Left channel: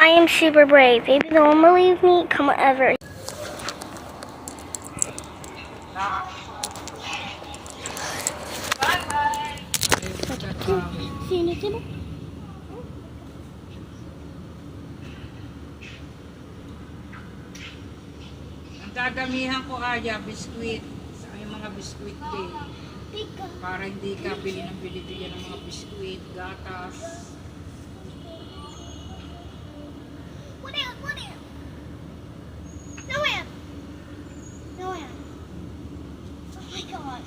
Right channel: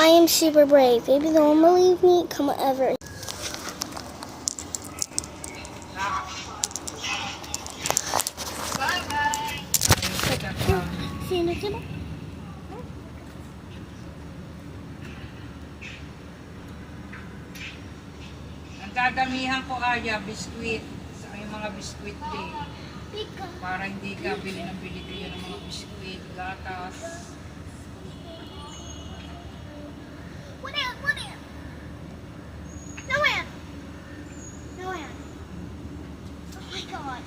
I am super brave. They don't believe me. Come ever. See you next time. Ang dadamihan ko Aya, biskwit. Sa yung mga biskwit day. Para hindi ka bili ng mga biskwit, gatas. What in? No in. Oh my god.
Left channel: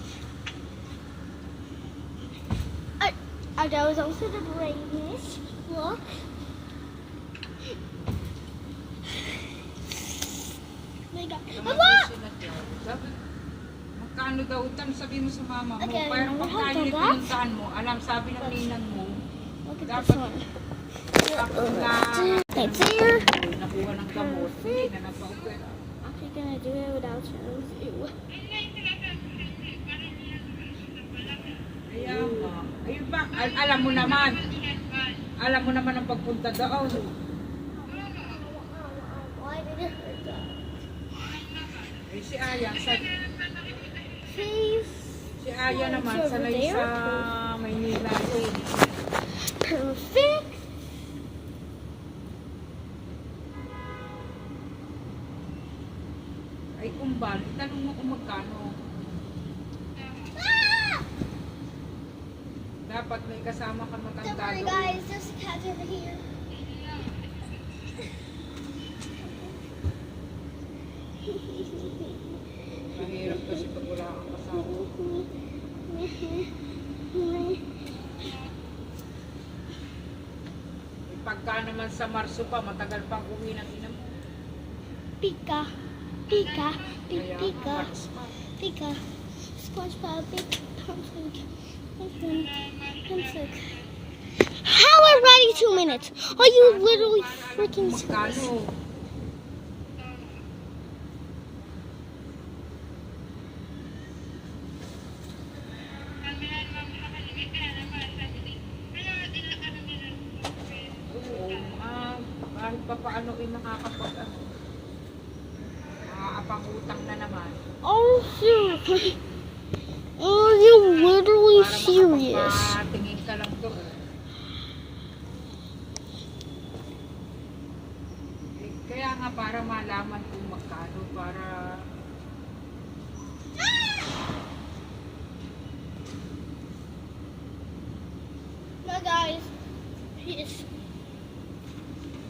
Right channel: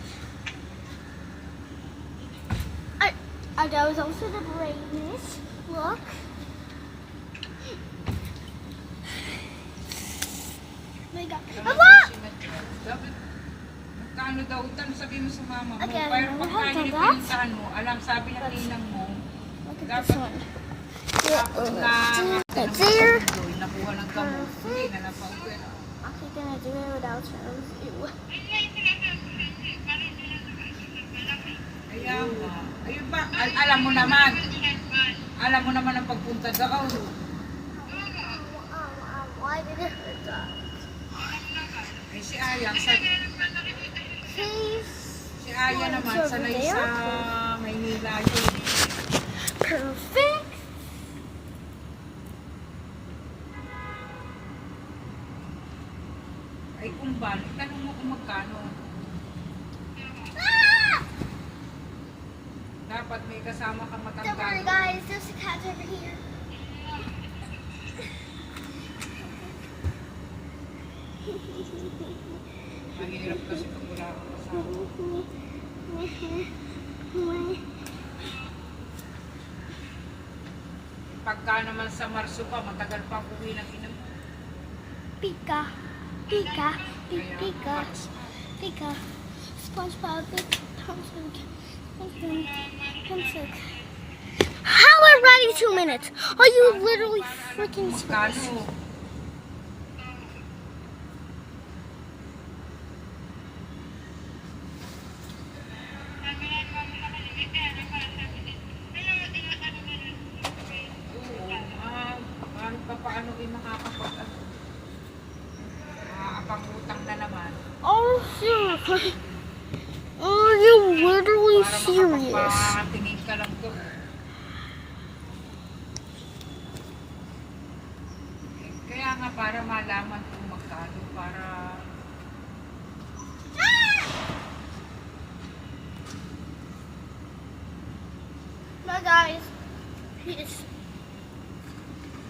That was also the braveness. Look. My god. Magkano daw utang sabihin mo sa mama mo? Okay, Pero I pagkano have yung that. pinuntahan mo, alam sabi ng ninang mo, Look at dapat this one. tapos na It's there. nakuha ng gamot, hindi na napag-pera. Actually gonna do it without terms. Ew. Kaya nga. Ayun ba, alam mo naman ang pagpunta doon. Why did it hurt that? Eh si Aya, Please. si Aya naman over sanay there. sa Maynila yun. Perfect. Ay kung ba, tanong mo kung magkano. Dapat may kasama kang Don't matangkado. worry guys, there's a cat over here. Mahirap kasi pag wala kang kasama. Pagka naman sa Marso pa, matagal pang uwi na sila. Pika. SpongeBob, big Thompson. How already 2 minutes? Are you literally freaking serious? Magkano? Kahit pa paano ay makakapag-utang na naman. Oh, seriously? Are you literally Para serious? makapagpatingin ka lang to. Kaya nga para malaman kung magkano, para Bye guys. Peace.